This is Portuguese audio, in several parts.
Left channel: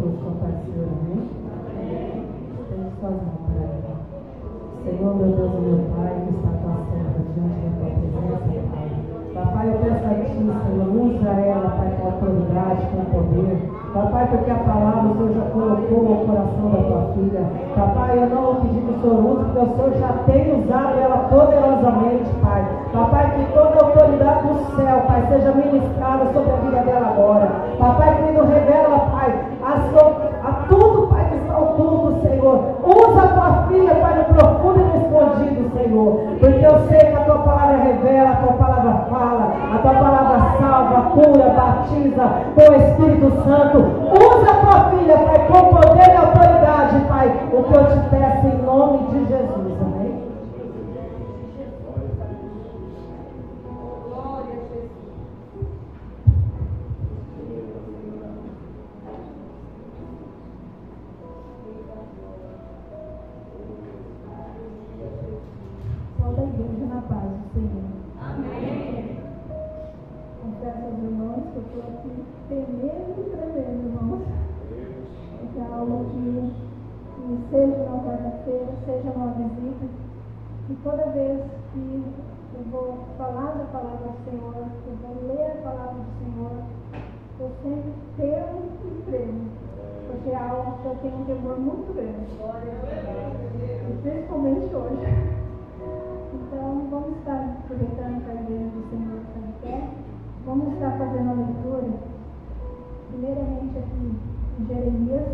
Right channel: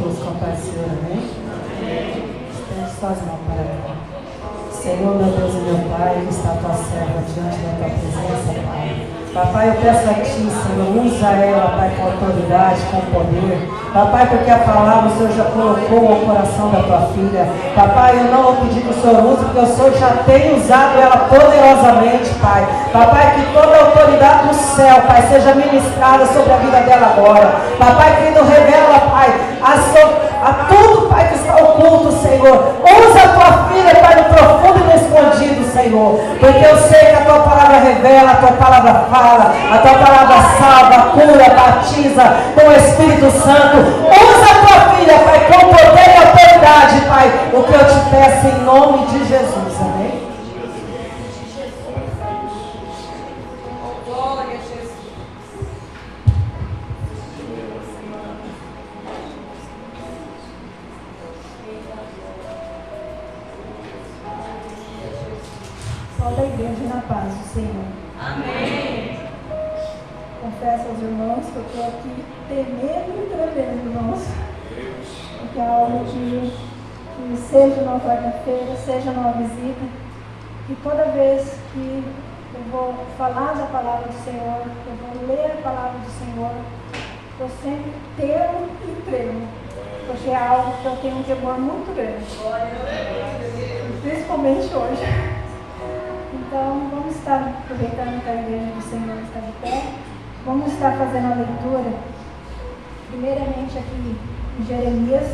todos com a paz do Senhor, amém? Estende suas mãos para mim. Senhor, meu Deus e meu Pai, que está a tua serva diante da tua presença, Pai. Papai, eu peço a Ti, Senhor, usa ela, Pai, com autoridade, com poder. Papai, porque a palavra o Senhor já colocou no coração da tua filha. Papai, eu não vou pedir que o Senhor use, porque o Senhor já tem usado ela poderosamente, Pai. Papai, que toda a autoridade do céu, Pai, seja ministrada sobre a vida dela agora. Papai, querido, revela, Pai, a tudo, Pai, que está oculto, Senhor. Usa a tua filha, Pai, no profundo e no escondido, Senhor. Porque eu sei que a tua palavra revela, a tua palavra fala, a tua palavra salva, cura, batiza com o Espírito Santo. Usa a tua filha, Pai, com poder e autoridade, Pai. O que eu te peço em nome de Jesus, amém? Glória a Jesus. Só da igreja na paz do Senhor. Amém. Confesso aos irmãos que eu estou aqui temendo e tremendo, irmãos. Porque é algo que seja numa quarta-feira, seja numa visita, e toda vez que eu vou falar da palavra do Senhor, eu vou ler a palavra do Senhor, eu sempre temo e tremo, porque é algo que eu tenho um temor muito grande, principalmente hoje. Então, vamos estar aproveitando que a igreja do Senhor está de pé, vamos estar fazendo a leitura, primeiramente aqui em Jeremias,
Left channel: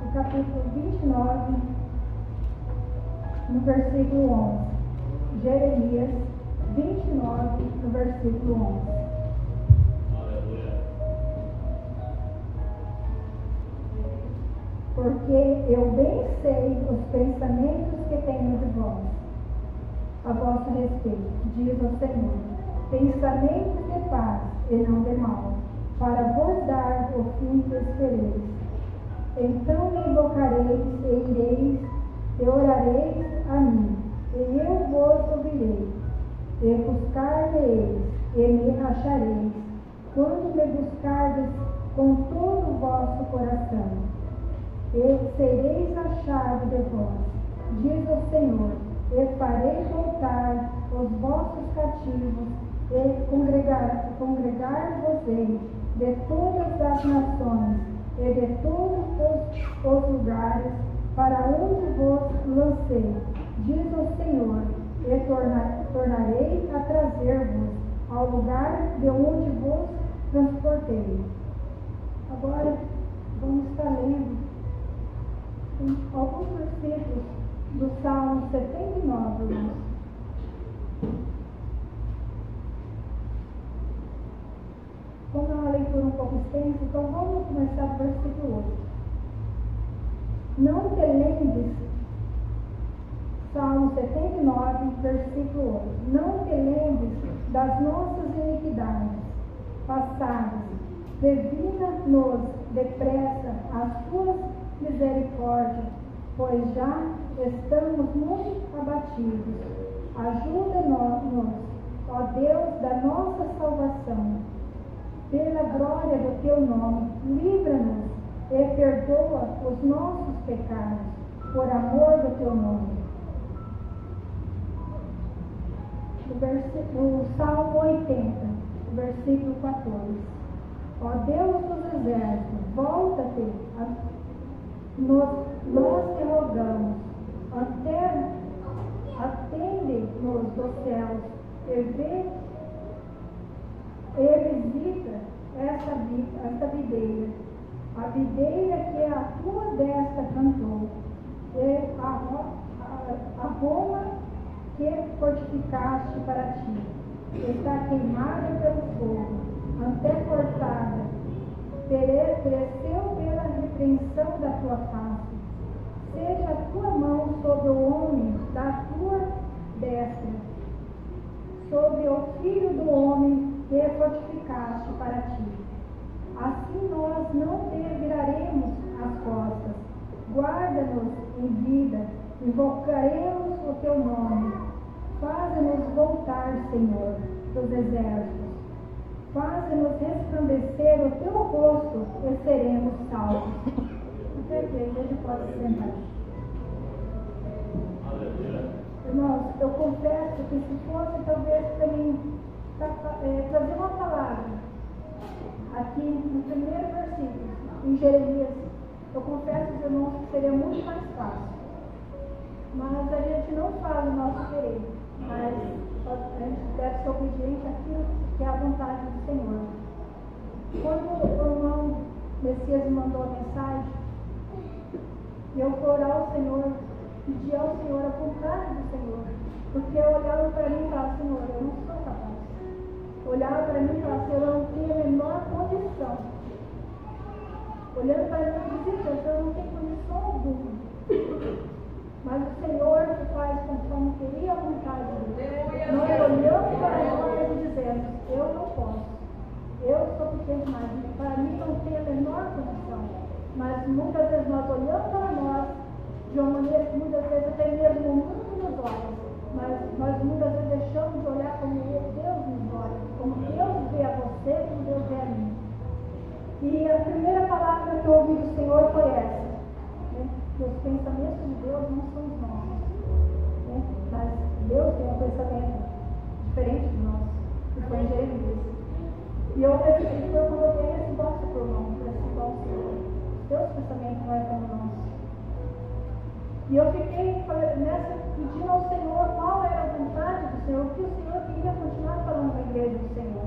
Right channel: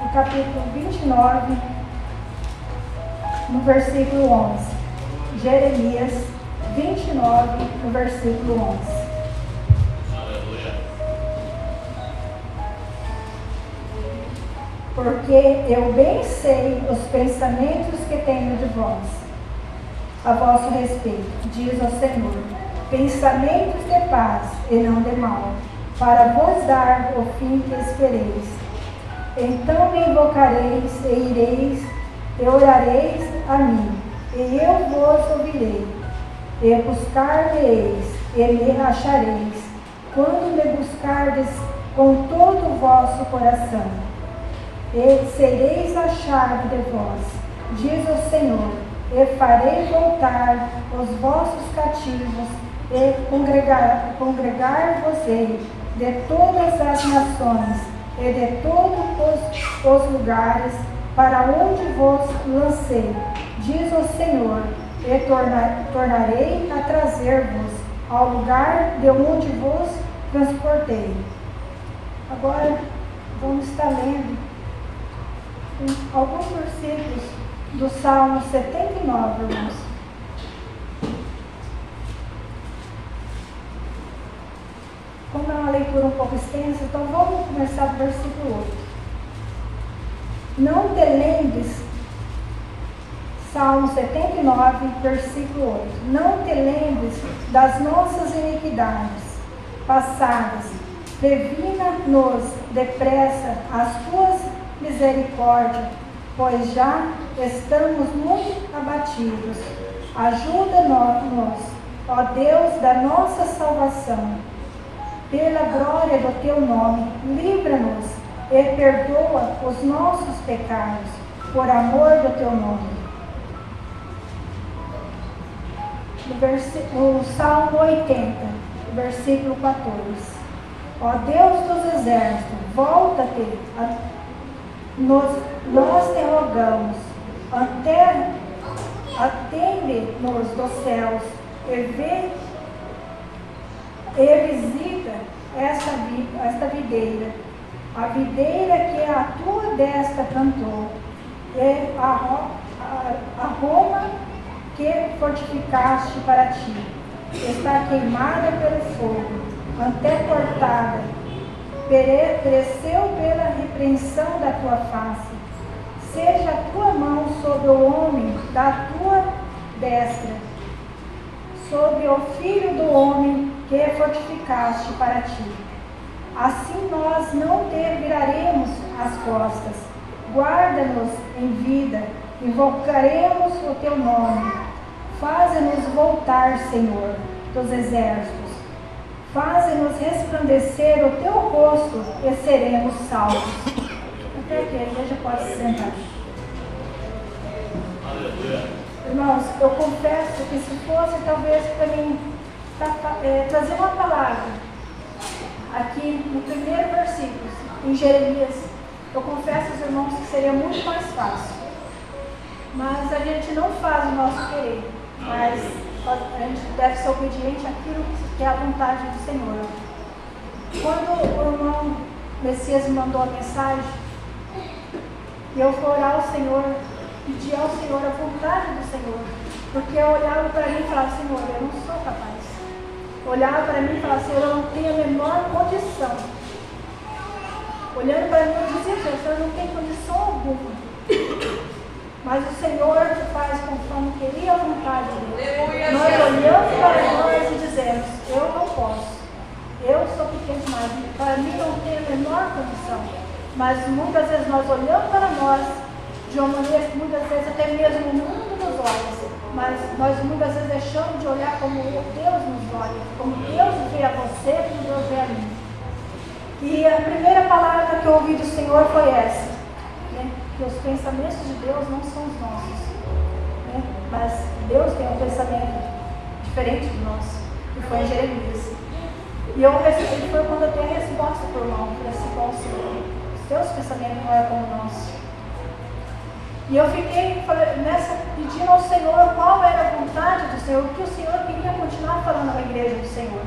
no capítulo 29, no versículo 11. Jeremias 29, no versículo 11. Aleluia. Porque eu bem sei os pensamentos que tenho de vós, a vosso respeito, diz o Senhor, pensamentos de paz e não de mal, para vos dar o fim que espereis. Então me invocareis e ireis, e orareis a mim, e eu vos ouvirei, e buscar-me-eis, e me achareis, quando me buscardes com todo o vosso coração, e sereis achado de vós, diz o Senhor, e farei voltar os vossos cativos, e congregar-vos-ei de todas as nações, e de todos os lugares para onde vos lancei, diz o Senhor, e tornarei a trazer-vos ao lugar de onde vos transportei. Agora vamos estar lendo alguns versículos do Salmo 79, irmãos. Como é uma leitura um pouco extensa, então vamos começar do versículo 8. Não te lembres, Salmo 79, versículo 8. Não te lembres das nossas iniquidades passadas, previna-nos depressa as tuas misericórdias, pois já estamos muito abatidos. Ajuda-nos, ó Deus da nossa salvação. Pela glória do teu nome, livra-nos e perdoa os nossos pecados, por amor do teu nome. O Salmo 80, versículo 14. Ó Deus dos exércitos, volta-te, nós te rogamos, atende-nos dos céus e visita esta videira, a videira que a tua destra plantou, e a Roma que fortificaste para ti, está queimada pelo fogo, até cortada, pereceu pela repreensão da tua face. Seja a tua mão sobre o homem da tua destra, sobre o filho do homem que fortificaste para ti. Assim nós não te viraremos as costas. Guarda-nos em vida, invocaremos o teu nome. Faze-nos voltar, Senhor dos exércitos. Faze-nos resplandecer o teu rosto e seremos salvos. Até que a igreja pode se sentar. Aleluia. Irmãos, eu confesso que se fosse talvez para mim trazer uma palavra aqui no primeiro versículo, em Jeremias, eu confesso aos irmãos que seria muito mais fácil. Mas a gente não faz o nosso querer, mas a gente deve ser obediente àquilo que é a vontade do Senhor. Quando o irmão Messias me mandou a mensagem, eu fui orar ao Senhor, pedir ao Senhor a vontade do Senhor, porque eu olhava para mim e falava: Senhor, eu não sou capaz. Olhava para mim e falava: Senhor, eu não tenho a menor condição. Olhando para mim, eu dizia: Senhor, eu não tenho condição alguma. Mas o Senhor faz conforme queria a vontade dele. Nós olhamos para nós e dizemos: eu não posso. Eu sou pequeno demais. Para mim não tem a menor condição. Mas muitas vezes nós olhamos para nós, de uma maneira que muitas vezes até mesmo o mundo nos olha. Mas nós muitas vezes deixamos de olhar como Deus nos olha. Como Deus vê a você, como Deus vê a mim. E a primeira palavra que eu ouvi do Senhor foi essa. Que os pensamentos de Deus não são os nossos, né? Mas Deus tem um pensamento diferente do nosso, que foi em Jeremias. E eu recebi, foi quando eu dei a resposta para o irmão, para esse bom Senhor: os teus pensamentos não é como o nosso. E eu fiquei pedindo ao Senhor qual era a vontade do Senhor, o que o Senhor queria continuar falando na igreja do Senhor.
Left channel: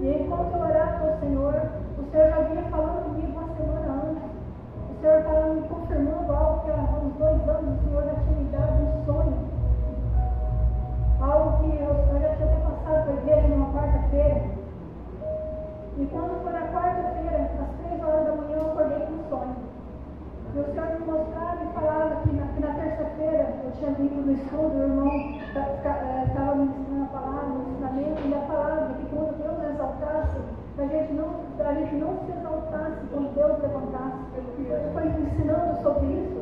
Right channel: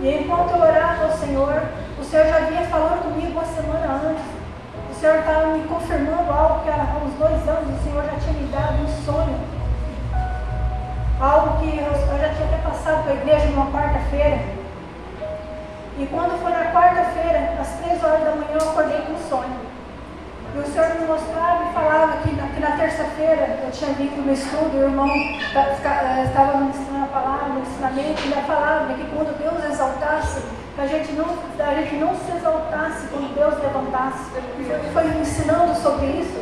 E enquanto eu orava ao Senhor, o Senhor já vinha falando comigo uma semana antes. O Senhor estava me confirmando algo que há uns 2 anos o Senhor já tinha me dado um sonho. Algo que eu já tinha até passado para a igreja numa quarta-feira. E quando foi na quarta-feira, às 3 horas da manhã, eu acordei com um sonho. E o Senhor me mostrava e falava que na terça-feira eu tinha vindo no estudo, e o irmão estava ministrando a palavra, no ensinamento, e ele falava que quando Deus exaltasse, a gente não se exaltasse quando Deus levantasse. Ele foi me ensinando sobre isso.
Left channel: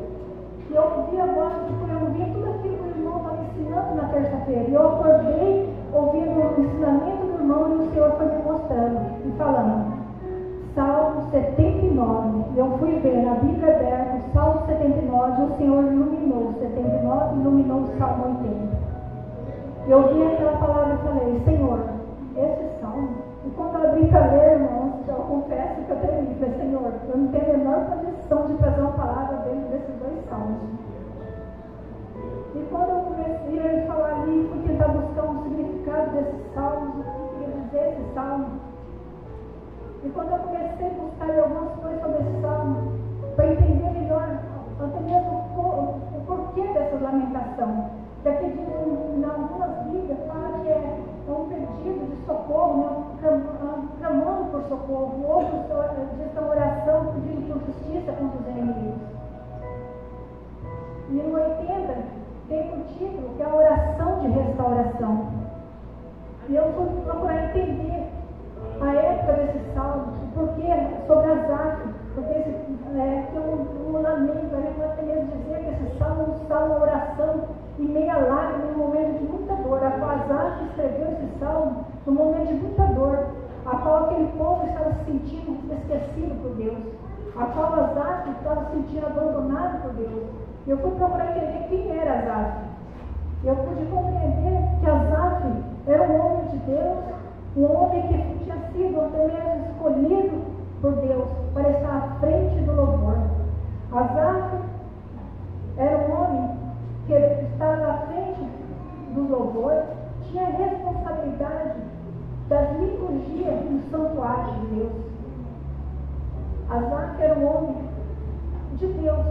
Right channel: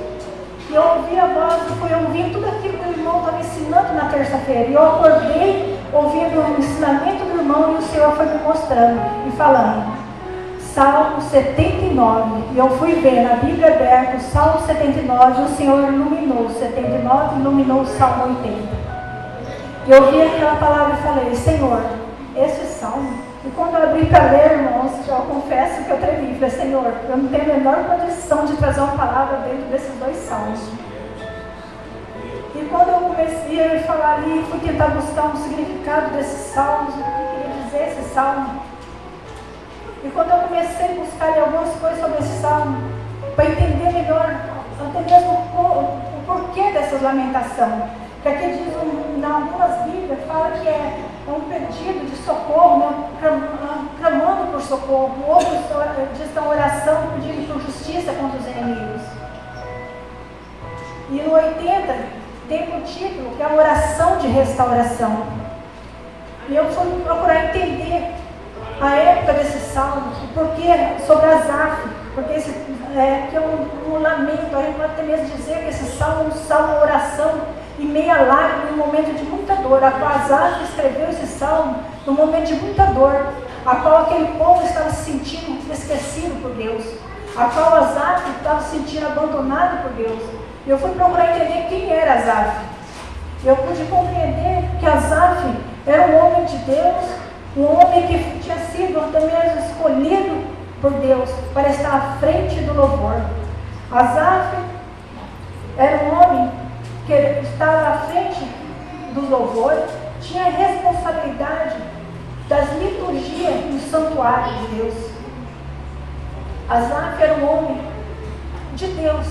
E eu ouvi a voz, e fui ouvindo tudo aquilo que o irmão estava ensinando na terça-feira. E eu acordei ouvindo o ensinamento do irmão, e o Senhor foi me mostrando e falando. Salmo 79. E eu fui ver na Bíblia aberta o Salmo 79, e o Senhor iluminou o 79, iluminou o Salmo 80. E eu ouvi aquela palavra e falei: Senhor, esse salmo. E quando eu abri para ler, irmãos, eu confesso que eu tremi. Falei: Senhor, eu não tenho a menor condição de trazer uma palavra dentro desses 2 salmos. E quando eu comecei a falar ali, fui tentar buscar um significado desses salmos, o que queria dizer esse salmo. E quando eu comecei a buscar algumas coisas sobre esse salmo, para entender melhor, até mesmo o porquê dessas lamentações. Porque aqui diz, em algumas Bíblias, fala que é um pedido de socorro, né? Clamando por socorro. Outros diz que é uma oração pedindo por justiça contra os inimigos. E no 80 tem um título que é a oração de restauração. E eu fui procurar entender a época desse salmo, o porquê sobre Asaf, porque esse que é um lamento. A gente pode até mesmo dizer que esse salmo é um salmo oração em meia lágrima, num momento de muita dor. A qual Asaf escreveu esse salmo num momento de muita dor, a qual aquele povo estava se sentindo esquecido por Deus, a qual Asaf estava se sentindo abandonado por Deus. E eu fui procurar entender quem era Asaf. Eu pude compreender que Asaf era um homem de Deus, um homem que tinha sido até mesmo escolhido por Deus para estar à frente do louvor. Asaf era um homem que estava à frente do louvor, tinha responsabilidade das liturgias no santuário de Deus. Asaf era um homem de Deus,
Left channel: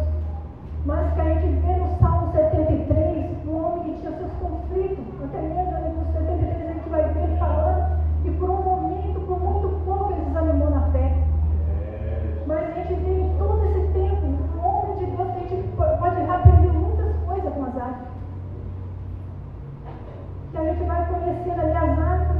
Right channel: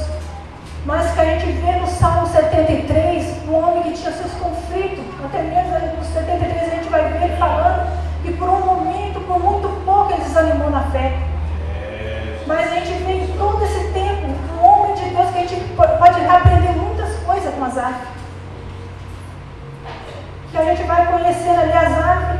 mas que a gente vê no Salmo 73, um homem que tinha seus conflitos. Até mesmo no 73 a gente vai ver ele falando que por um momento, por muito pouco, ele desanimou na fé. Mas a gente vê em todo esse tempo um homem de Deus que a gente pode aprender muitas coisas com Asaf. Que a gente vai conhecer ali Asaf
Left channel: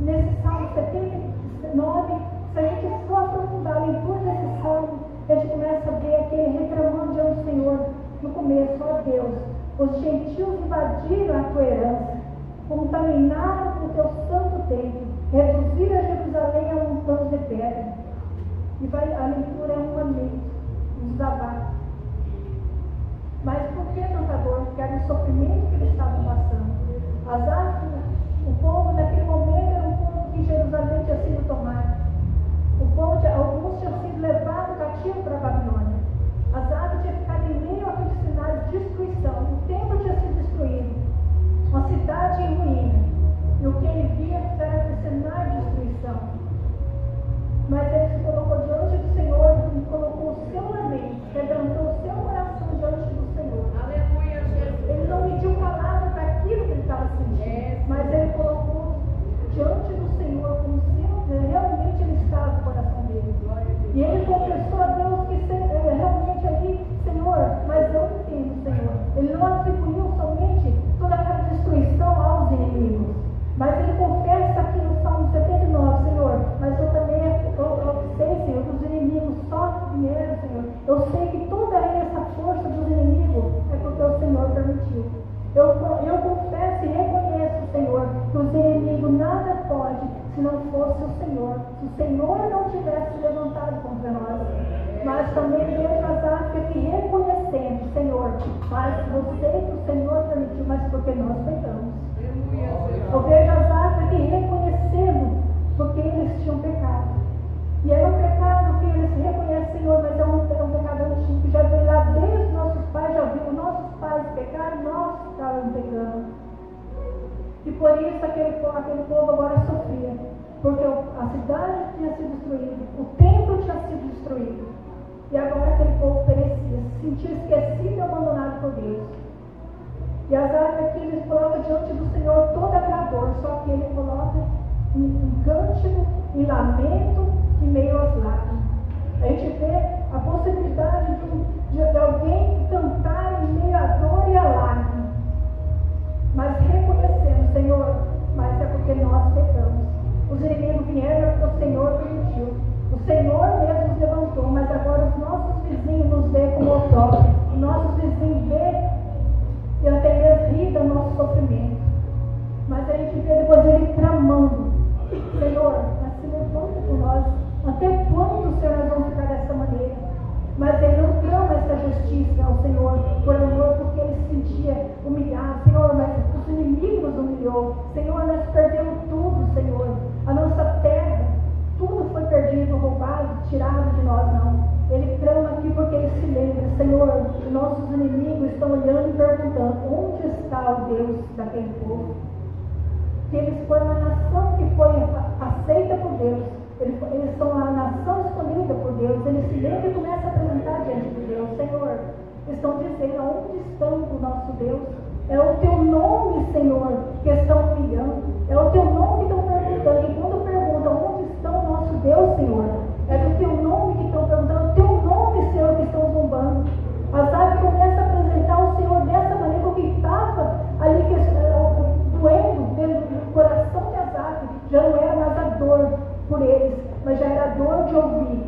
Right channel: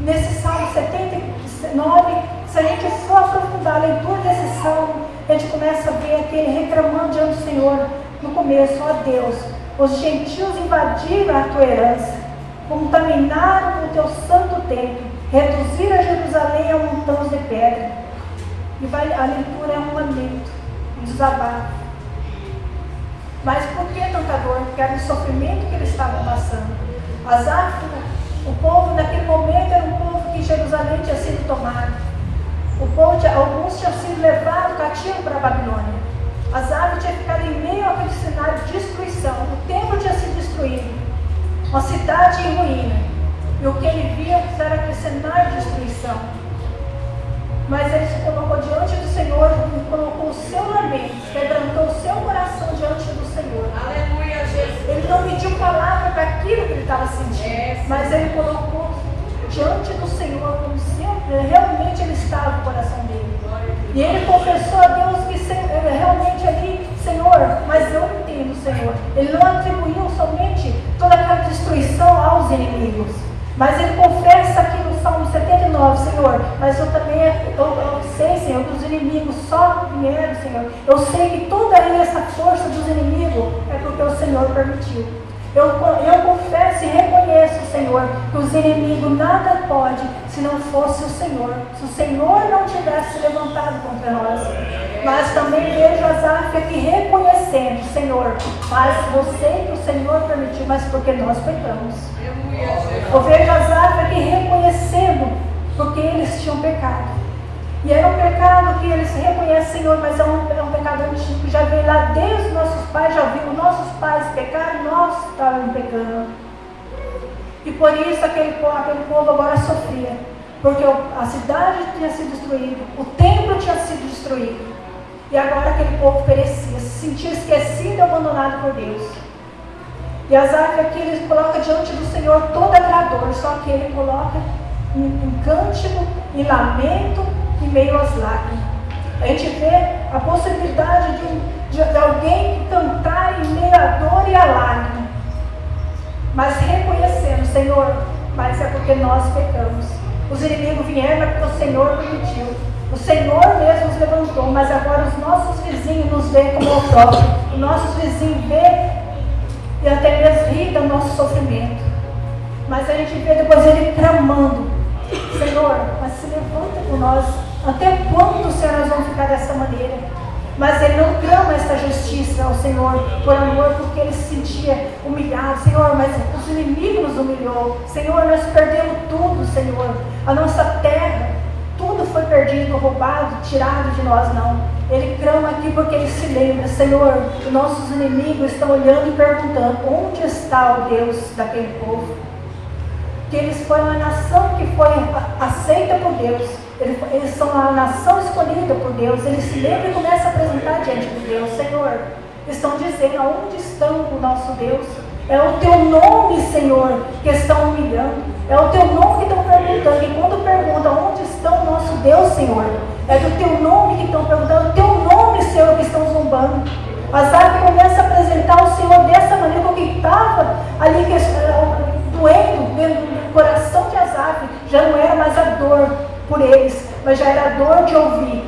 nesse Salmo 79. Se a gente for aprofundar a leitura desse salmo, a gente começa a ver aquele reclamando diante do Senhor no começo: ó Deus, os gentios invadiram a tua herança, contaminaram o teu santo templo reduzir a Jerusalém a montanhas de pedra. E a leitura é um lamento, um desabafo. Mas por que tanta dor? Porque era o sofrimento que eles estavam passando. Asaf, o povo naquele momento era um povo que Jerusalém tinha sido tomado. Alguns tinham sido levados cativo para a Babilônia. Asaf tinha ficado em meio àquele cenário de destruição. O templo tinha sido destruído. Uma cidade em ruína. E o que ele via era aquele cenário de destruição. Mas ele se colocou diante do Senhor, colocou o seu lamento, quebrantou o seu coração diante do Senhor. Aleluia, Jesus. Ele não mediu palavra para aquilo que ele estava sentindo, mas ele colocou diante do Senhor como sempre, realmente ele estava no coração dele. E ele confessou a Deus que realmente ali, Senhor, mas eu entendo, Senhor. Ele não atribuiu somente toda aquela destruição aos inimigos, mas ele confessa aqui no Salmo 79, Senhor, mas eu também eu sei, Senhor, que os inimigos só vieram, Senhor. Eu sei que toda essa força dos inimigos é porque o Senhor permitiu. Eu confesso e reconheço, Senhor, que os inimigos nada pode se não fosse o Senhor. Se o Senhor não tivesse levantado contra nós. Mas também vejo Asaf aqui reconhecendo, Senhor, mas eu sei que o Senhor permitiu, mas porque nós pecamos. Eu vejo Asaf aqui reconhecendo, porque eles tinham pecado. E era um pecado que eles reconhecem, Senhor, mas é um pecado antigo, que já veio lá desde os nossos pais, já viu nossos pais pecar, nós estávamos pecando. E por isso aquele povo agora sofria, porque a cidade tinha sido destruída, o templo tinha sido destruído, e agora aquele povo perecia, se sentia esquecido e abandonado por Deus. E Asaf aqui ele coloca diante do Senhor toda aquela dor, só que ele coloca em cântico, em lamento, em meio às lágrimas. A gente vê a possibilidade de alguém cantar em meio à dor e à lágrima, mas reconhecendo, Senhor, mas é porque nós pecamos. Os inimigos vieram porque o Senhor permitiu. O Senhor mesmo nos levantou, mas agora os nossos vizinhos nos veem como o próprio. Os nossos vizinhos veem e até mesmo riem do nosso sofrimento. Mas a gente vê depois ele clamando, Senhor, mas se levanta por nós. Até quando, Senhor, nós vamos ficar dessa maneira? Mas ele não clama essa justiça ao Senhor por amor, porque ele se sentia humilhado. Senhor, mas os inimigos nos humilhou. Senhor, nós perdemos tudo, Senhor. A nossa terra, tudo foi perdido, roubado, tirado de nós, não. Ele clama aqui porque ele se lembra, Senhor, nossos inimigos estão olhando e perguntando, onde está o Deus daquele povo? Que eles foram a nação que foi aceita por Deus. Eles são a nação escolhida por Deus. Eles se lembram e começam a apresentar diante de Deus. Senhor, estão dizendo, aonde estão o nosso Deus? É o teu nome, Senhor, que estão humilhando. É o teu nome que estão perguntando. E quando perguntam, onde está o nosso Deus, Senhor? É do teu nome que estão perguntando. O teu nome, Senhor, que estão zombando. Asaf começa a apresentar o Senhor dessa maneira, porque estava ali doendo dentro do coração de Asaf. Já não era mais a dor por eles, mas já era a dor de ouvir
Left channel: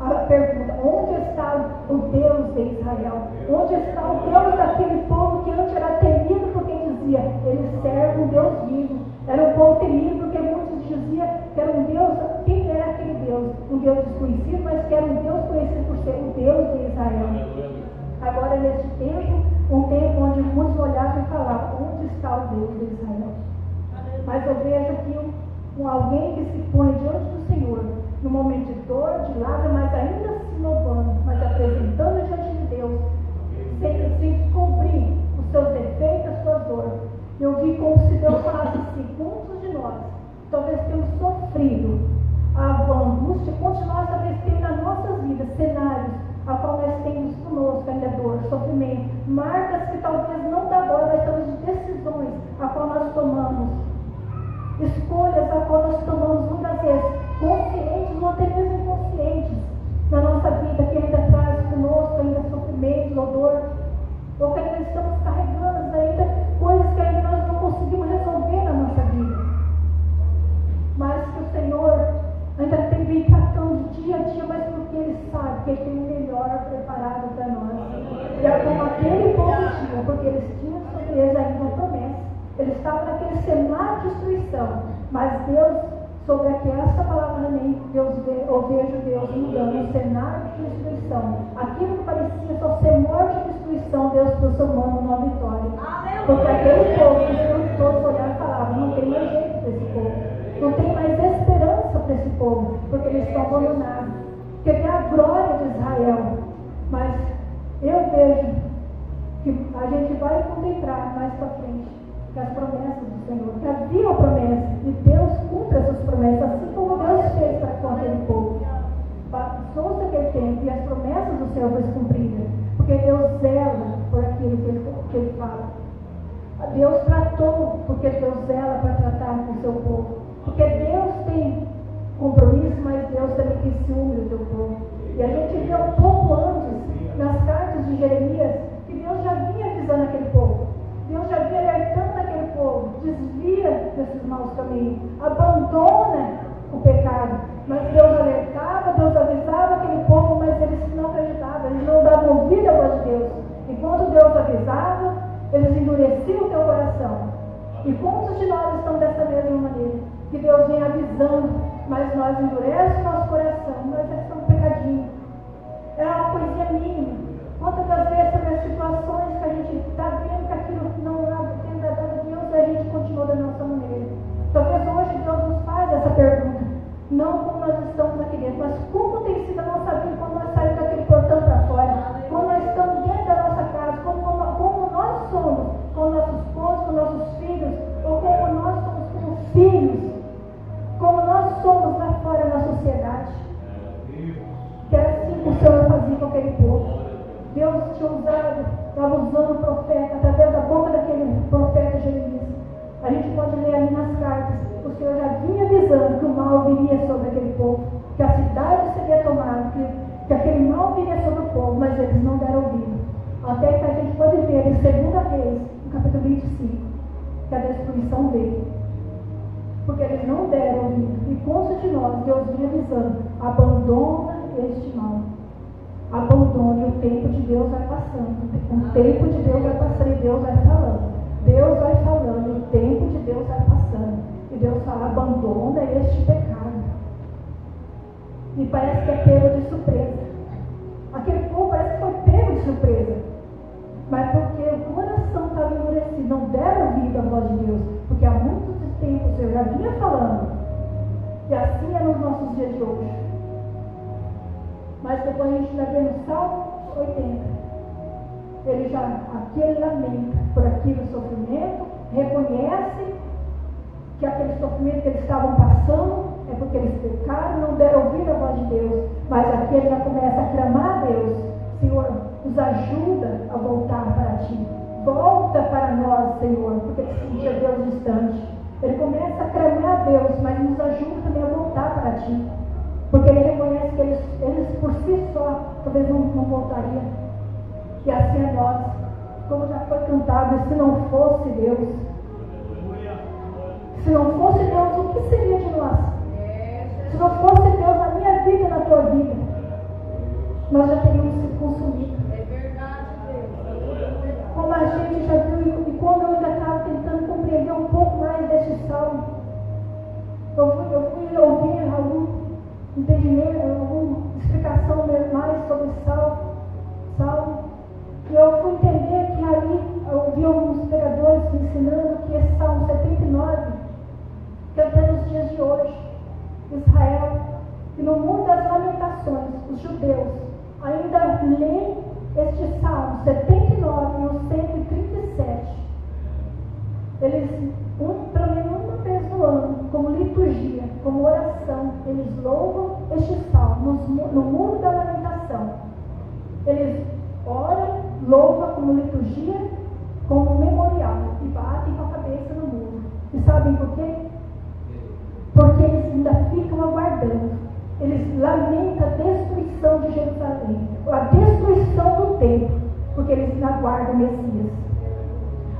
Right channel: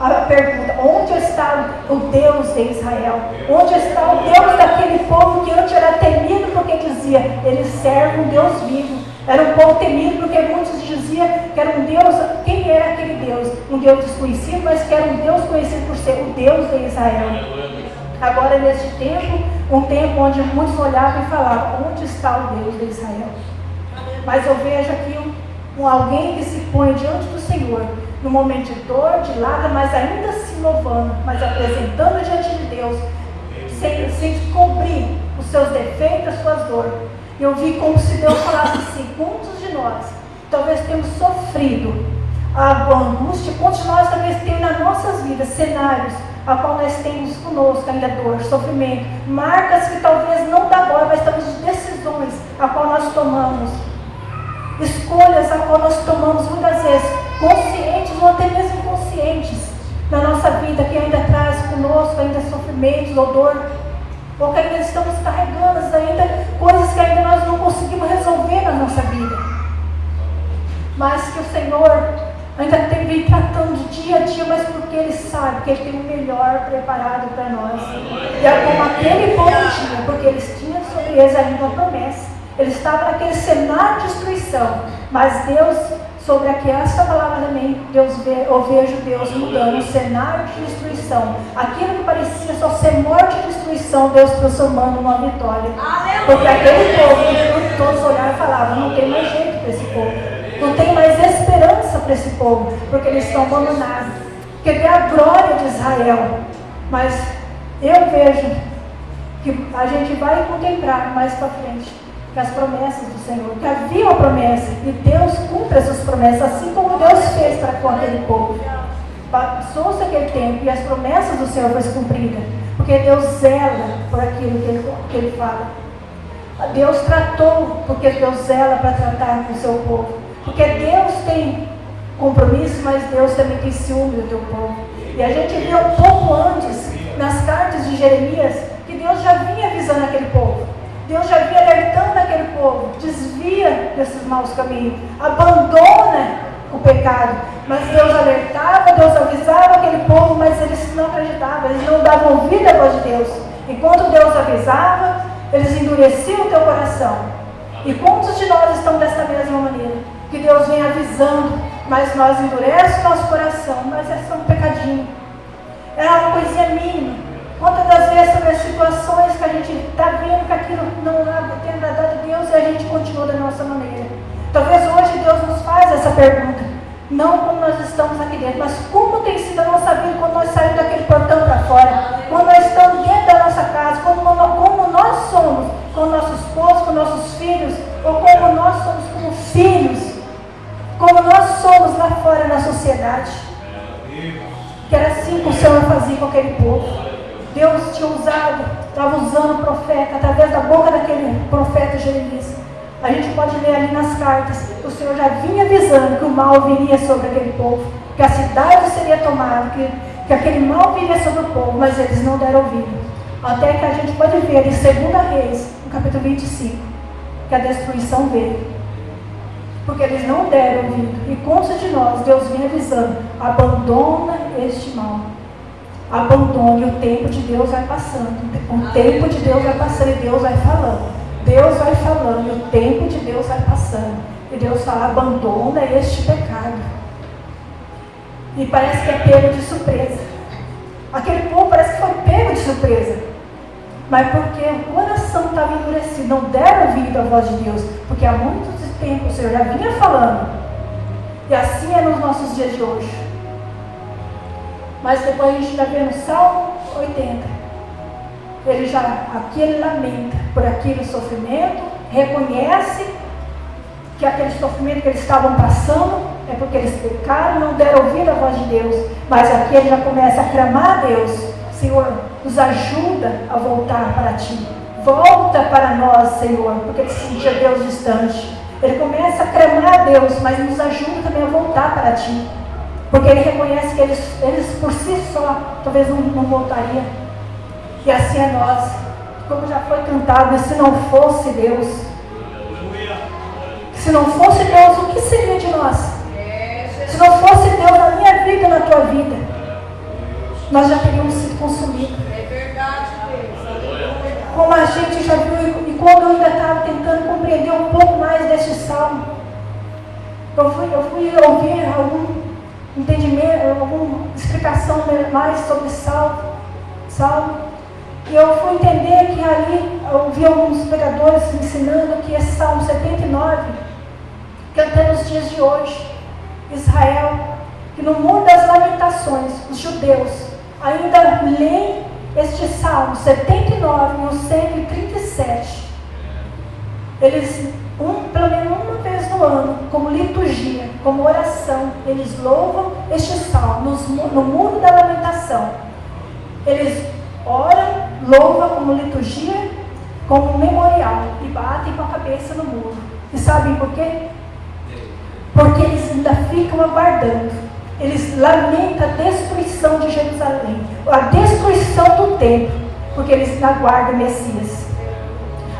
a pergunta, onde está o Deus de Israel? Onde está o Deus daquele povo que antes era temido porque dizia, eles servem um Deus vivo. Era um povo temido porque muitos diziam que era um Deus, quem era aquele Deus? Um Deus desconhecido, mas que era um Deus conhecido por ser o Deus de Israel. Agora neste tempo, um tempo onde muitos olhavam e falavam, onde está o Deus de Israel? Mas eu vejo aqui alguém que se põe diante do Senhor, no momento de dor, de lágrima, mas ainda se louvando, mas apresentando diante de Deus, sem cobrir os seus defeitos, as suas dores. Eu vi como se Deus falasse assim, quantos de nós talvez temos sofrido a angústia, quantos de nós talvez temos nas nossas vidas cenários a qual nós temos conosco ainda dor, sofrimento, marcas que talvez não da agora, mas talvez decisões a qual nós tomamos, escolhas a qual nós tomamos muitas vezes, conscientes ou até mesmo inconscientes, na nossa vida, que ainda traz conosco ainda sofrimentos ou dor, ou que ainda estamos carregando ainda coisas que ainda nós não conseguimos resolver na nossa vida, mas que o Senhor ainda vem tratando dia a dia, mas porque Ele sabe que Ele tem o melhor preparado para nós. E é como aquele povo tinha, porque eles tinham sobre eles ainda a promessa. Eles estavam naquele cenário de destruição, mas Deus sobre essa palavra também, eu vejo Deus mudando o cenário de destruição. Aquilo que parecia só ser morte e destruição, Deus transformando numa vitória. Porque aquele povo que todos olharam e falavam, não tem mais jeito para esse povo. Não tem mais esperança para esse povo, porque eles estão abandonados. Porque é a glória de Israel. Mas eu vejo que a gente vai contemplar mais para frente que as promessas do Senhor, que havia uma promessa, e Deus cumpre essas promessas, assim como Deus fez para com aquele povo. Passou-se aquele tempo e as promessas do Senhor foram cumpridas, porque Deus zela por aquilo que Ele fala. Deus tratou, porque Deus zela para tratar com o seu povo. Porque Deus tem compromisso, mas Deus também tem ciúme do teu povo. E a gente viu um pouco antes, nas cartas de Jeremias, que Deus já vinha avisando aquele povo. Deus já vinha alertando aquele povo, desvia desses maus caminhos, abandona o pecado. Mas Deus alertava, Deus avisava aquele povo, mas eles não acreditavam, eles não davam ouvido à voz de Deus. Enquanto Deus avisava, eles endureciam o teu coração. E quantos de nós estão desta mesma maneira? Que Deus vem avisando, mas nós endurecemos o nosso coração, mas é só um pecadinho. É uma coisinha mínima. Quantas das vezes sobre as situações que a gente está vendo que aquilo não tem agradado a Deus e a gente continua da nossa maneira. Talvez hoje Deus nos faz essa pergunta, não como nós estamos aqui dentro, mas como tem sido a nossa vida quando nós saímos daquele portão para fora, quando nós estamos dentro da nossa casa, como nós somos com o nosso esposo, com nossos filhos, ou como nós somos como filhos, como nós somos lá fora na sociedade. Que era assim que o Senhor fazia com aquele povo. Deus tinha usado, estava usando o profeta, através da boca daquele profeta Jeremias. A gente pode ler ali nas cartas, o Senhor já vinha avisando que o mal viria sobre aquele povo, que a cidade seria tomada, que aquele mal viria sobre o povo, mas eles não deram ouvido. Até que a gente pode ver em 2 Reis, no capítulo 25, que a destruição veio. Porque eles não deram ouvido. E consta de nós, Deus vinha avisando, abandona este mal. Abandone, o tempo de Deus vai passando. O tempo de Deus vai passando e Deus vai falando. Deus vai falando e o tempo de Deus vai passando. E Deus fala, abandona este pecado. E parece que é pego de surpresa. Aquele povo parece que foi pego de surpresa. Mas porque o coração estava endurecido, não deram ouvido à voz de Deus. Porque há muito tempo o Senhor já vinha falando. E assim é nos nossos dias de hoje. Mas depois a gente está vendo o Salmo 80. Aqui ele lamenta por aquele sofrimento, reconhece que aquele sofrimento que eles estavam passando é porque eles pecaram, não deram ouvido à voz de Deus. Mas aqui ele já começa a clamar a Deus: Senhor, nos ajuda a voltar para Ti. Volta para nós, Senhor, porque ele se sentia Deus distante. Ele começa a clamar a Deus, mas nos ajuda também a voltar para Ti. Porque ele reconhece que eles por si só, talvez não voltariam. E assim é nós. Como já foi cantado, e se não fosse Deus, se não fosse Deus, o que seria de nós? Se não fosse Deus na minha vida e na tua vida, nós já teríamos sido consumidos. É verdade, Deus. Como a gente já viu, e quando eu ainda estava tentando compreender um pouco mais deste salmo, eu fui ouvir algum entendimento, alguma explicação mais sobre salmo, e eu fui entender que ali, eu vi alguns pregadores ensinando que esse Salmo 79, que até nos dias de hoje, Israel, que no mundo das lamentações, os judeus ainda leem este Salmo 79 no 137. Eles, pelo menos uma vez no ano, como liturgia, como oração, eles louvam este Salmo no mundo da lamentação. Eles oram, louvam como liturgia, como memorial, e batem com a cabeça no muro. E sabem por quê? Porque eles ainda ficam aguardando. Eles lamentam a destruição de Jerusalém, a destruição do templo, porque eles ainda aguardam o Messias.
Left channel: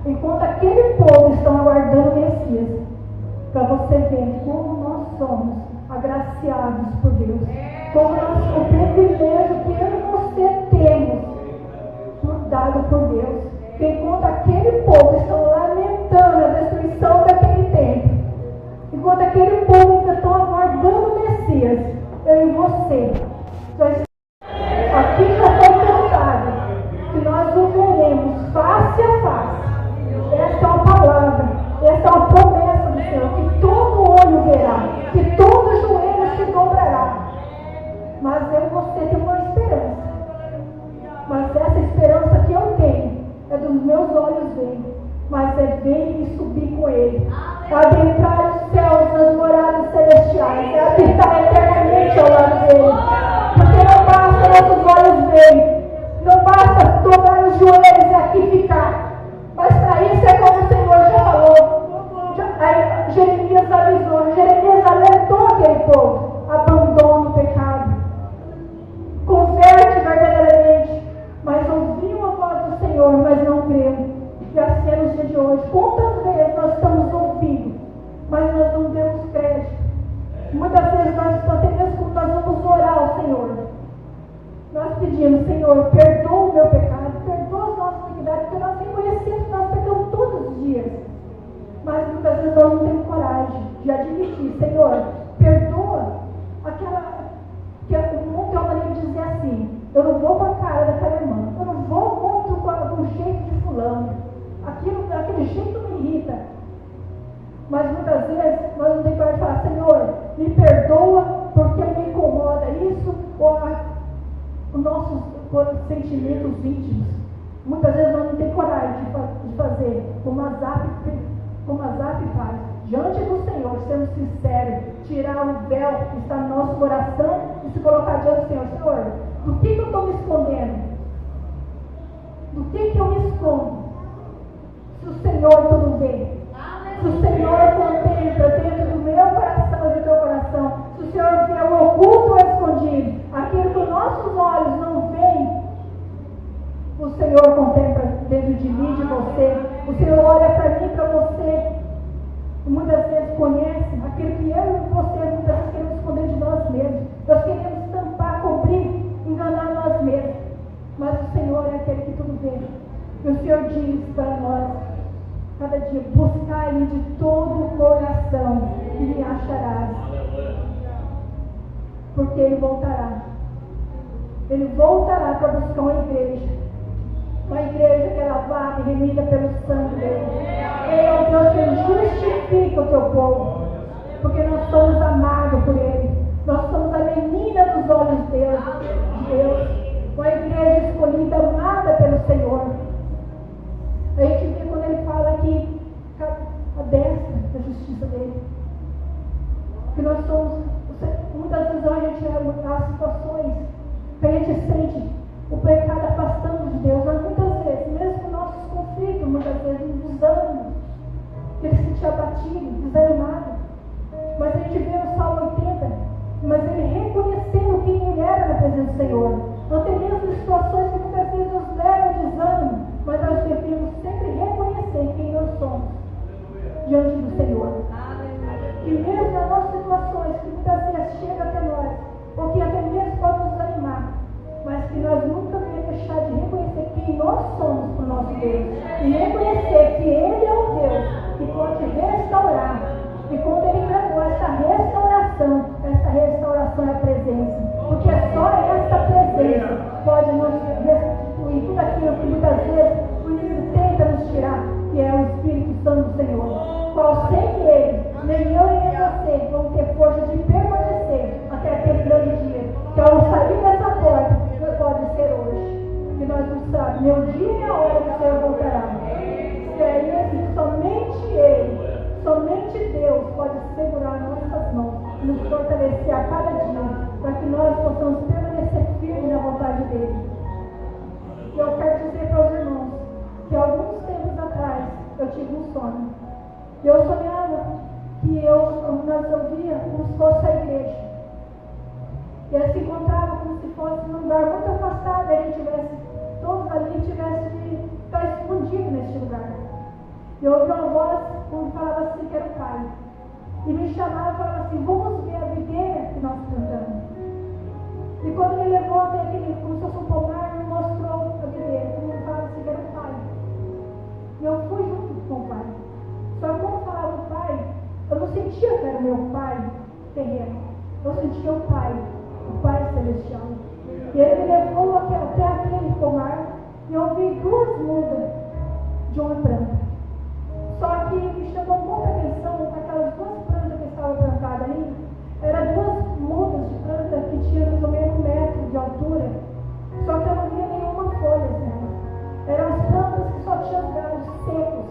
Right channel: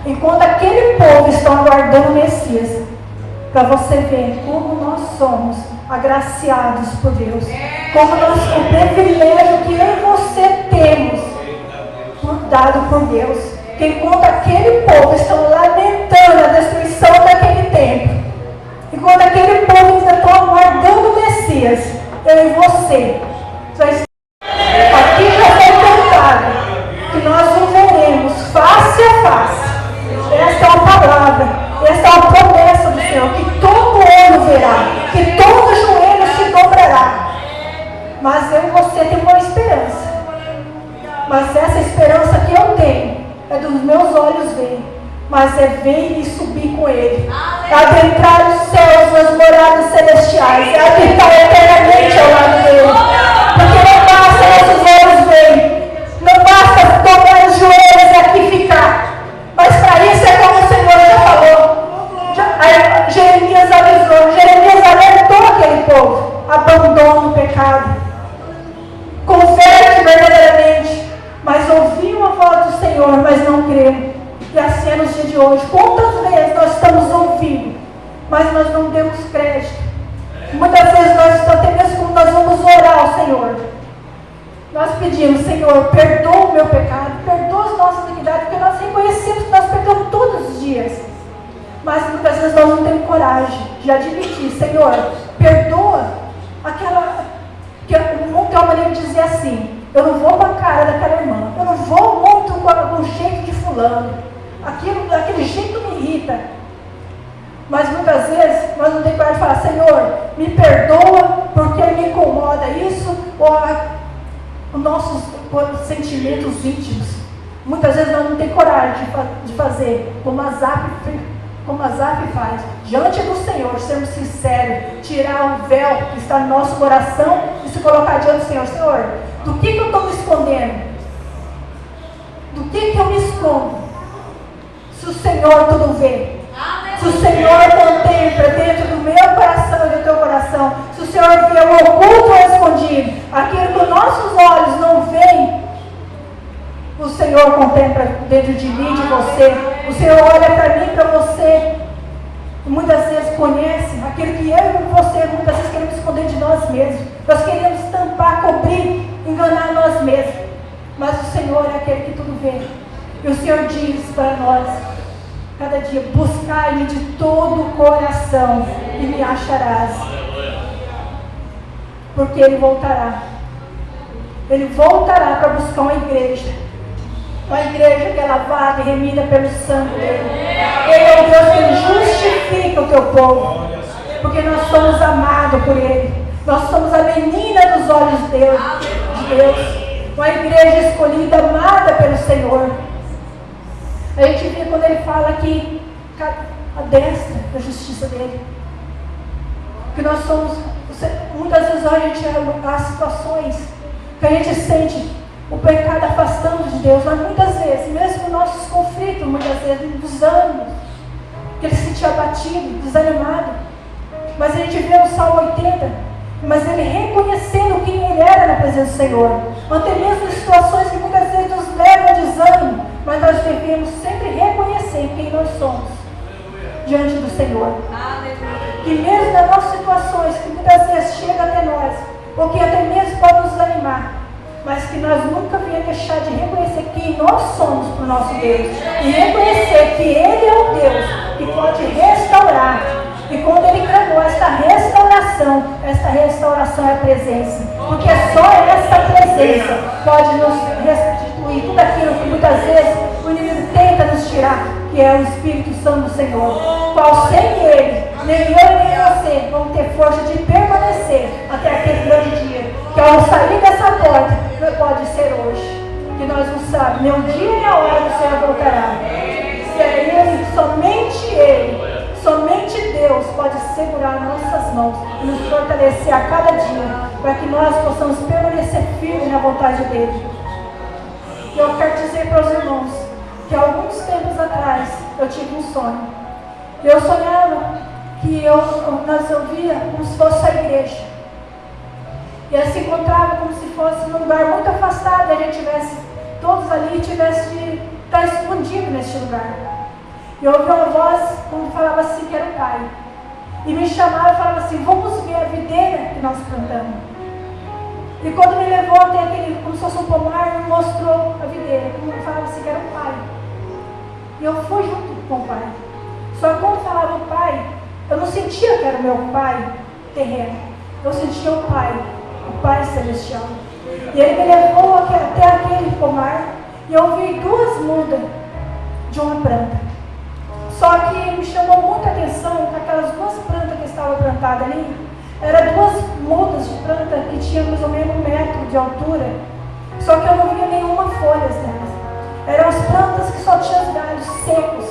Enquanto aquele povo está aguardando o Messias, para você ver como nós somos agraciados por Deus, como o privilégio que eu e você temos, dado por Deus, que enquanto aquele povo está lamentando a destruição daquele templo, enquanto aquele povo ainda está você. Aqui já foi cantado que nós o veremos face a face. Esta é uma palavra, esta é uma promessa do Senhor, que todo olho verá, que todo joelho se dobrará. Mas eu e você temos uma esperança. Mas essa esperança que eu tenho é dos meus olhos verem, mas é ver e subir com Ele, adentrar os céus, nas moradas celestiais, habitar eternamente ao lado dele. Porque não basta nossos olhos verem, não basta dobrar os joelhos e aqui ficar. Mas para isso é como o Senhor já falou. Jeremias avisou, Jeremias alertou aquele povo: abandona o pecado, converte verdadeiramente. Mas ouviram a voz do Senhor, mas não creram. E assim é nos dias de hoje. Quantas vezes nós estamos ouvindo, mas nós não demos crédito? Muitas vezes nós, até mesmo quando nós vamos orar ao Senhor, nós pedimos: Senhor, perdoa o meu pecado, perdoa as nossas iniquidades, porque nós reconhecemos que nós pecamos todos os dias. Mas muitas vezes nós não temos coragem de admitir: Senhor, perdoa aquela, que o mundo tem uma maneira de dizer assim: eu não vou com a cara daquela irmã, eu não vou muito com o jeito de fulano, aquele jeito me irrita. Mas muitas vezes nós não temos coragem de falar: Senhor, me perdoa porque me incomoda isso, ou os nossos sentimentos íntimos. Muitas vezes nós não temos coragem de fazer como a Asaf faz, diante do Senhor, sermos sinceros, tirar o véu que está no nosso coração e se colocar diante do Senhor. Senhor, do que eu estou me escondendo? Do que eu me escondo? Se o Senhor tudo vê, se o Senhor contempla dentro do meu coração e do teu coração, se o Senhor vê o oculto ou escondido, aquilo que os nossos olhos não veem, o Senhor contempla dentro de mim, de você. O Senhor olha para mim, para você, e muitas vezes conhece aquilo que eu e você muitas vezes queremos esconder de nós mesmos. Nós queremos tampar, cobrir, enganar nós mesmos. Mas o Senhor é aquele que tudo vê. E o Senhor diz para nós, cada dia: buscai-me de todo o coração e me acharás. Porque Ele voltará. Ele voltará para buscar uma igreja. Uma igreja que é lavada e remida pelo sangue dele. Ele é o Deus que justifica o teu povo. Porque nós somos amados por Ele. Nós somos a menina dos olhos de Deus. Uma igreja escolhida, amada pelo Senhor. A gente vê quando Ele fala que a destra da justiça dele. Que nós somos, muitas vezes a gente há situações que a gente sente o pecado afastando de Deus, mas muitas vezes, mesmo com nossos conflitos, muitas vezes nos ânimos, que ele se sentia abatido, desanimado, mas a gente vê no Salmo 80, mas ele reconhecendo quem ele era na presença do Senhor, até mesmo em situações que muitas vezes nos levam a desânimo, mas nós devemos sempre reconhecer quem nós somos diante do Senhor. Que mesmo nas nossas situações, que muitas vezes chegam até nós, ou que até mesmo podem nos animar, mas que nós nunca venhamos deixar de reconhecer quem nós somos para o nosso Deus. E reconhecer que Ele é o Deus que pode restaurar. E quando Ele clamou esta restauração é a presença. Porque só essa presença pode nos restituir tudo aquilo que muitas vezes o inimigo tenta nos tirar, que é o Espírito Santo do Senhor. Qual sem Ele, nem eu nem você vão ter força de permanecer até aquele grande dia. Que ao sair dessa porta, pode ser hoje, que nós não sabemos nem o dia nem a hora que o Senhor voltará. Se é Ele, somente Deus pode segurar nossas mãos e nos fortalecer a cada dia, para que nós possamos permanecer firmes na vontade dEle. E eu quero dizer para os irmãos que alguns tempos atrás eu tive um sonho. Eu sonhava que nós ouvíamos como se fosse a igreja. E ela se encontrava como se fosse num lugar muito afastado, e a gente tivesse, todos ali, tivesse de estar escondido neste lugar. E eu ouvi uma voz, como falava assim, que era o Pai. E me chamava e falava assim: vamos ver a videira que nós plantamos. E quando me levou até aquele, como se fosse um pomar, me mostrou a videira, como falava assim, que era o Pai. E eu fui junto com o Pai. Só que quando falava o Pai, eu não sentia que era o meu Pai terreno. Eu sentia o Pai o Pai Celestial. E Ele me levou até aquele pomar e eu vi 2 mudas de uma planta. Só que me chamou muita atenção que aquelas 2 plantas que estavam plantadas ali, eram 2 mudas de planta que tinham mais ou menos 1 metro de altura. Só que eu não via nenhuma folha nelas. Eram as plantas que só tinham os galhos secos.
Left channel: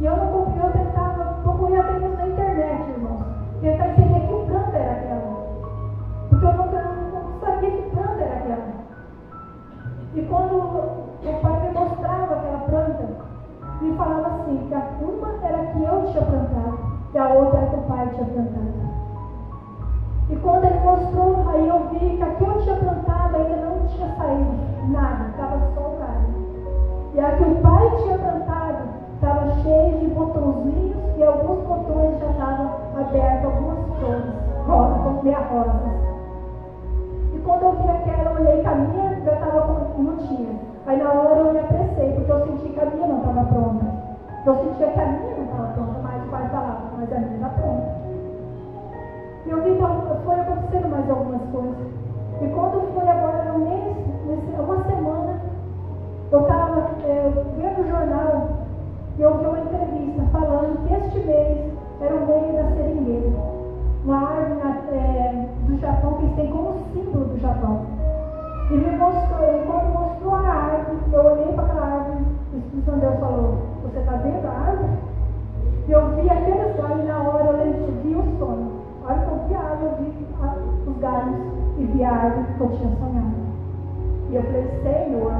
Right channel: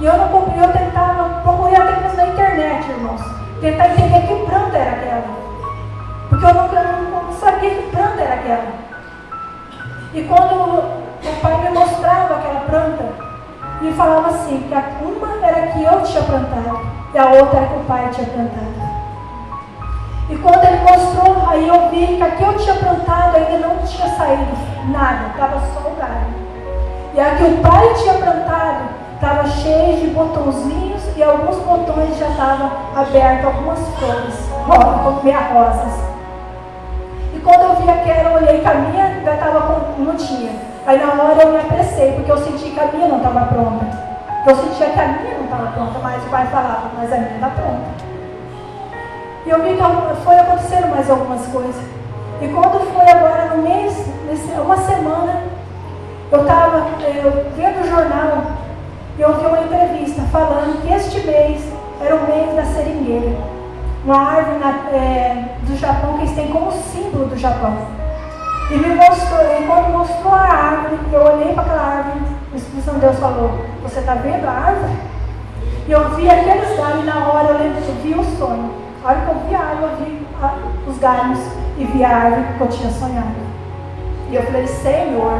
E eu procurei até mesmo na internet, irmãos, tentar entender que planta era aquela. Porque eu não sabia que planta era aquela. E quando o pai me mostrava aquela planta, e falava assim, que uma era que eu tinha plantado, e a outra era que o pai tinha plantado. E quando ele mostrou, aí eu vi que a que eu tinha plantado ainda não tinha saído nada, estava só o galho. E a que o pai tinha plantado estava cheia de botãozinhos e alguns botões já estavam abertos, algumas flores, meia rosas. E quando eu vi aquela, eu olhei que a minha ainda não tinha. Aí na hora eu me apressei, porque eu senti que a minha não estava pronta. Eu sentia que a minha não estava pronta, mas o pai falava, mas a minha está pronta. E eu vi que foi acontecendo mais algumas coisas. E quando foi agora no mês, uma semana, eu estava vendo o jornal e eu vi uma entrevista falando que este mês era o mês da seringueira. Uma árvore do Japão que eles têm como símbolo do Japão. E me mostrou, e quando mostrou a árvore, eu olhei para aquela árvore, o Espírito Santo de Deus falou, você está vendo a árvore? E eu vi aqueles galhos, e na hora eu vi o sonho. A hora que eu vi a árvore, eu vi os galhos e vi a árvore que eu tinha sonhado. E eu falei, Senhor,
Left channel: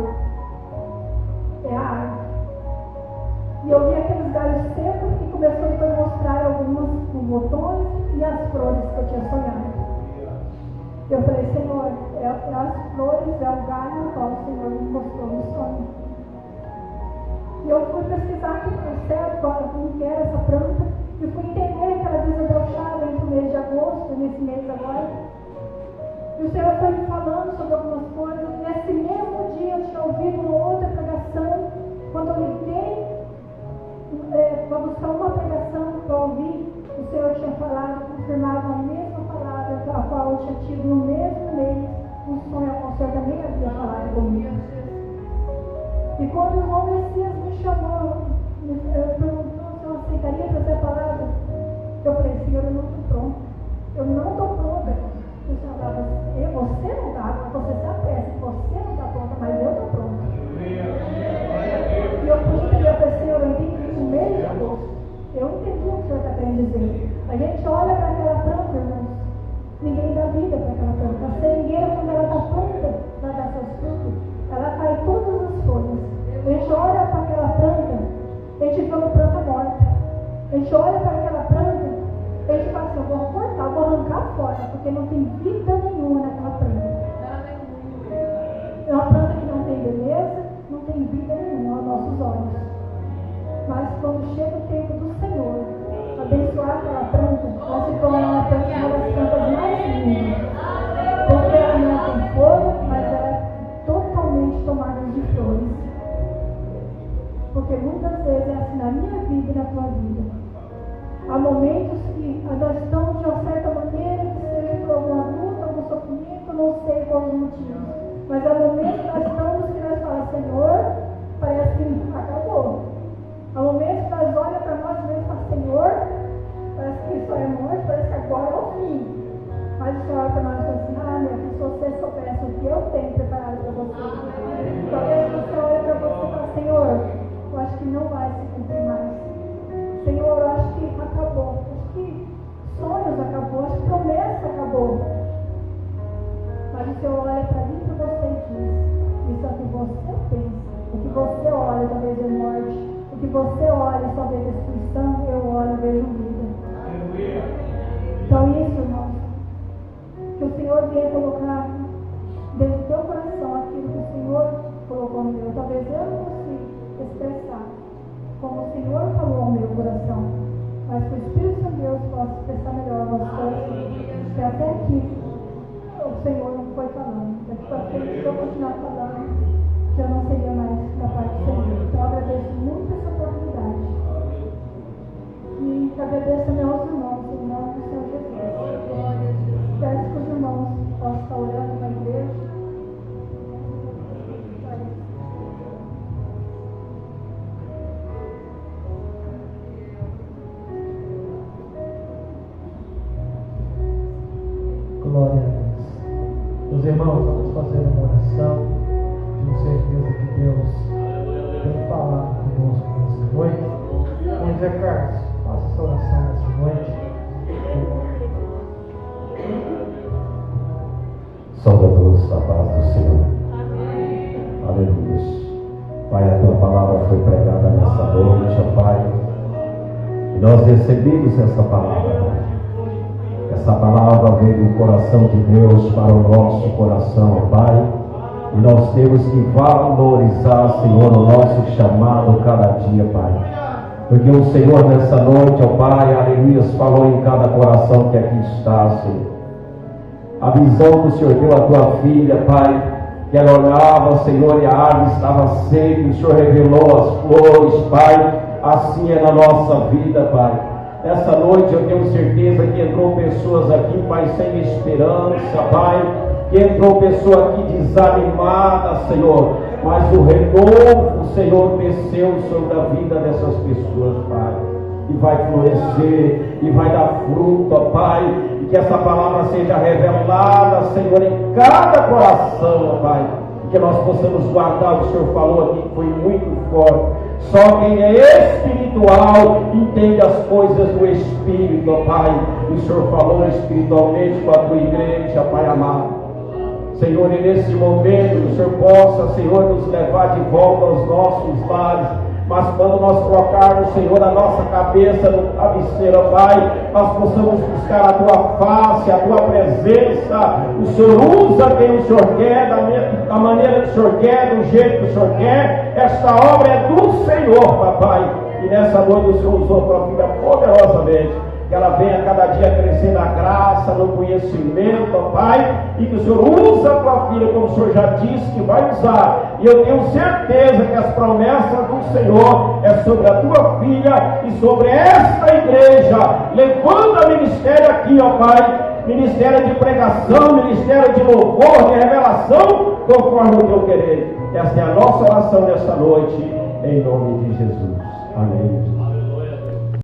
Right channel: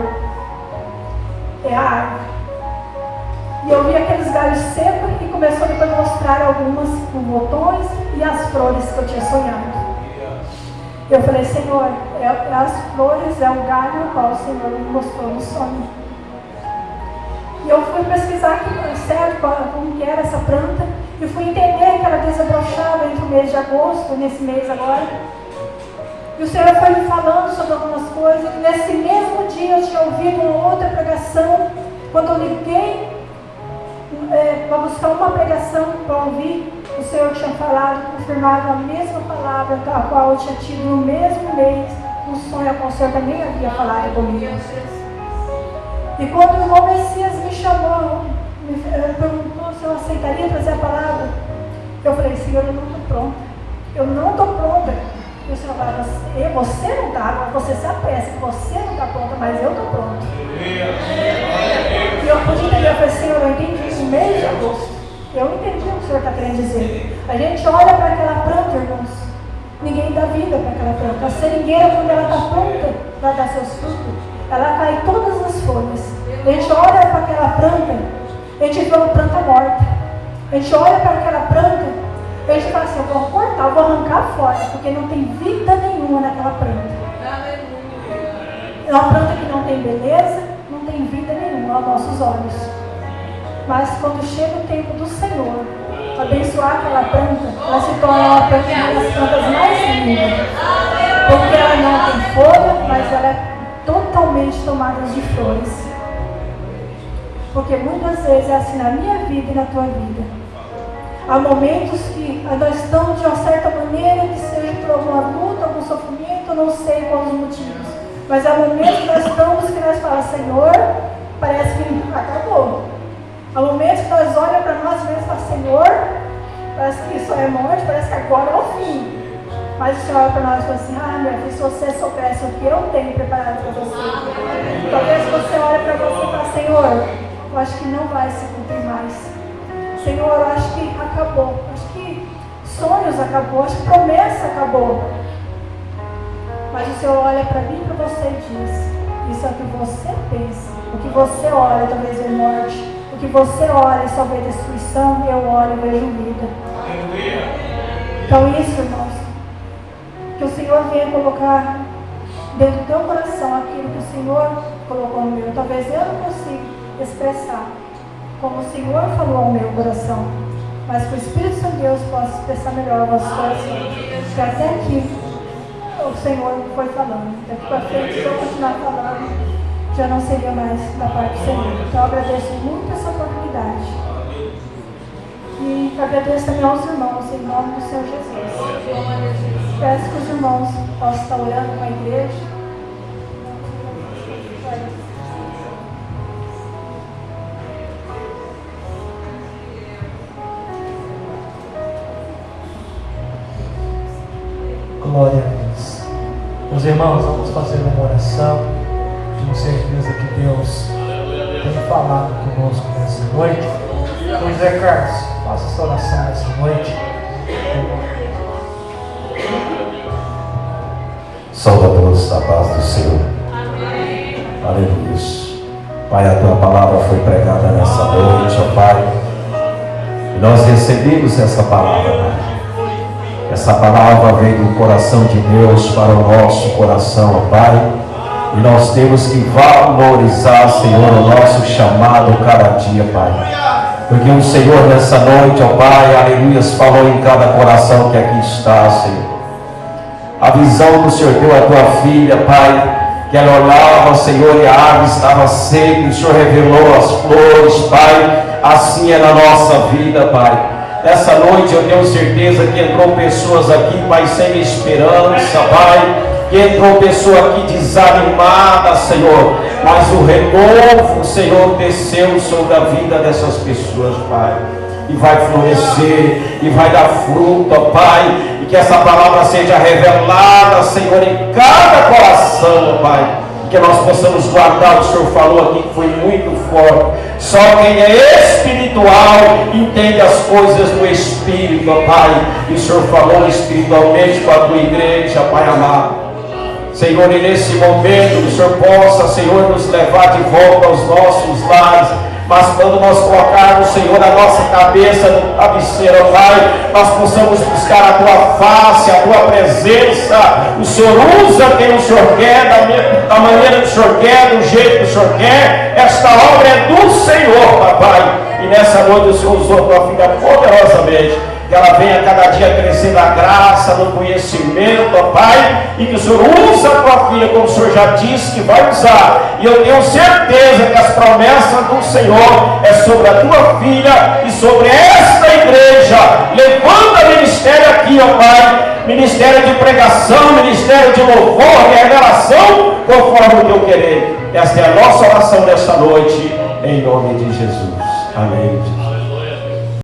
é a árvore. E eu vi aqueles galhos secos e começou depois a mostrar alguns botões e as flores que eu tinha sonhado. Eu falei, Senhor, as flores é o galho no qual o Senhor me mostrou no sonho. E eu fui pesquisar certo como que era essa planta e fui entender que ela desabrochava entre o mês de agosto, nesse mês agora. E o Senhor foi me falando sobre algumas coisas. E nesse mesmo dia eu tinha ouvido uma outra pregação. Quando eu liguei para buscar uma pregação para ouvir, o Senhor tinha falado, confirmado a mesma palavra a qual eu tinha tido no mesmo mês, um sonho a qual o Senhor também havia falado comigo. E quando o irmão Messias me chamou, me perguntou se eu aceitaria trazer a palavra, eu falei, Senhor, eu não estou pronta. Eu não estou pronta. E o Senhor falava, você não está, você se apressa, você não está pronta, mas eu estou pronta. E eu pude entender, eu falei, Senhor, eu entendi isso no mês de agosto. Eu entendi o que o Senhor está querendo dizer. A gente olha para aquela planta, irmãos, ninguém dá vida para aquela planta. A seringueira, quando ela está pronta para dar seus frutos, ela cai todas as folhas. A gente olha para aquela planta, a gente vê uma planta morta. A gente olha para aquela planta, a gente fala assim, eu vou cortar, eu vou arrancar fora, porque não tem vida nenhuma naquela planta. É uma planta que não tem beleza, não tem vida nenhuma aos nossos olhos. Mas quando chega o tempo do Senhor, abençoar aquela planta, ela se torna uma planta, uma das plantas mais lindas. Porque ela não tem folha, mas ela é totalmente tomada de flores. Porque muitas vezes é assim na minha vida e na tua vida. Há momentos que nós estamos de uma certa maneira, que seja por alguma luta, algum sofrimento, eu não sei quais os motivos. Mas há momentos que nós estamos que nós falamos, Senhor, parece que acabou. Há momentos que nós olhamos para nós mesmos e falamos, Senhor, parece que isso é morte, parece que agora é o fim. Mas o Senhor olha para nós e fala assim, minha filha, se você soubesse o que eu tenho preparado para você. Talvez você olhe para você e fala, Senhor, eu acho que não vai se cumprir mais. Senhor, eu acho que acabou. Acho que sonhos acabou, acho que promessa acabou. Mas o Senhor olha para mim e para você e diz, isso é o que você pensa. O que você olha, talvez é morte. O que você olha e só vê destruição, eu olho e vejo vida. Então isso, irmãos, que o Senhor venha colocar dentro do teu coração aquilo que o Senhor colocou no meu. Talvez eu não consiga expressar como o Senhor falou ao meu coração, mas que o Espírito Santo de Deus possa expressar melhor o vosso coração. Que até aqui o Senhor foi falando. Daqui para frente, se eu continuar falando, já não seria mais da parte do Senhor. Então eu agradeço muito essa oportunidade. E agradeço também aos irmãos, em nome do Senhor Jesus. Peço que os irmãos possam estar orando com a igreja. Glória a Deus. Meus irmãos, vamos fazer uma oração. Tenho certeza que Deus tem falado conosco nessa noite. Então, Zé Carlos, faça essa oração nessa noite. Salve a todos a paz do Senhor. Amém. Aleluia. Pai, a tua palavra foi pregada nessa noite, ó Pai. E nós recebemos essa palavra, Pai. Essa palavra veio do coração de Deus para o nosso coração, ó Pai. E nós temos que valorizar, Senhor, o nosso chamado cada dia, Pai. Porque o Senhor nessa noite, ó Pai, aleluia, falou em cada coração que aqui está, Senhor. A visão do Senhor deu à tua filha, Pai, que ela olhava, Senhor, e a árvore estava seca, e o Senhor revelou as flores, Pai. Assim é na nossa vida, Pai. Nessa noite eu tenho certeza que entrou pessoas aqui, Pai, sem esperança, Pai. Que entrou pessoa aqui desanimada, Senhor. Mas o renovo, Senhor, desceu sobre a vida dessas pessoas, Pai. E vai florescer, e vai dar fruto, ó Pai. E que essa palavra seja revelada, Senhor, em cada coração, ó Pai. E que nós possamos guardar, o Senhor falou aqui que foi muito forte. Só quem é espiritual entende as coisas do Espírito, ó Pai. E o Senhor falou espiritualmente com a tua igreja, Pai amado. Senhor, e nesse momento o Senhor possa, Senhor, nos levar de volta aos nossos lares. Mas quando nós colocarmos, Senhor, a nossa cabeça no travesseiro, Pai, nós possamos buscar a tua face, a tua presença. O Senhor usa quem o Senhor quer, da maneira que o Senhor quer, do jeito que o Senhor quer. Esta obra é do Senhor, papai. E nessa noite o Senhor usou a tua filha poderosamente. Que ela venha cada dia crescer na graça, no conhecimento, ó Pai, e que o Senhor use a tua filha, como o Senhor já disse que vai usar. E eu tenho certeza que as promessas do Senhor é sobre a tua filha e sobre esta igreja. Levanta ministério aqui, ó Pai, ministério de pregação, ministério de louvor, de revelação, conforme o teu querer. Esta é a nossa oração nesta noite, em nome de Jesus. Amém.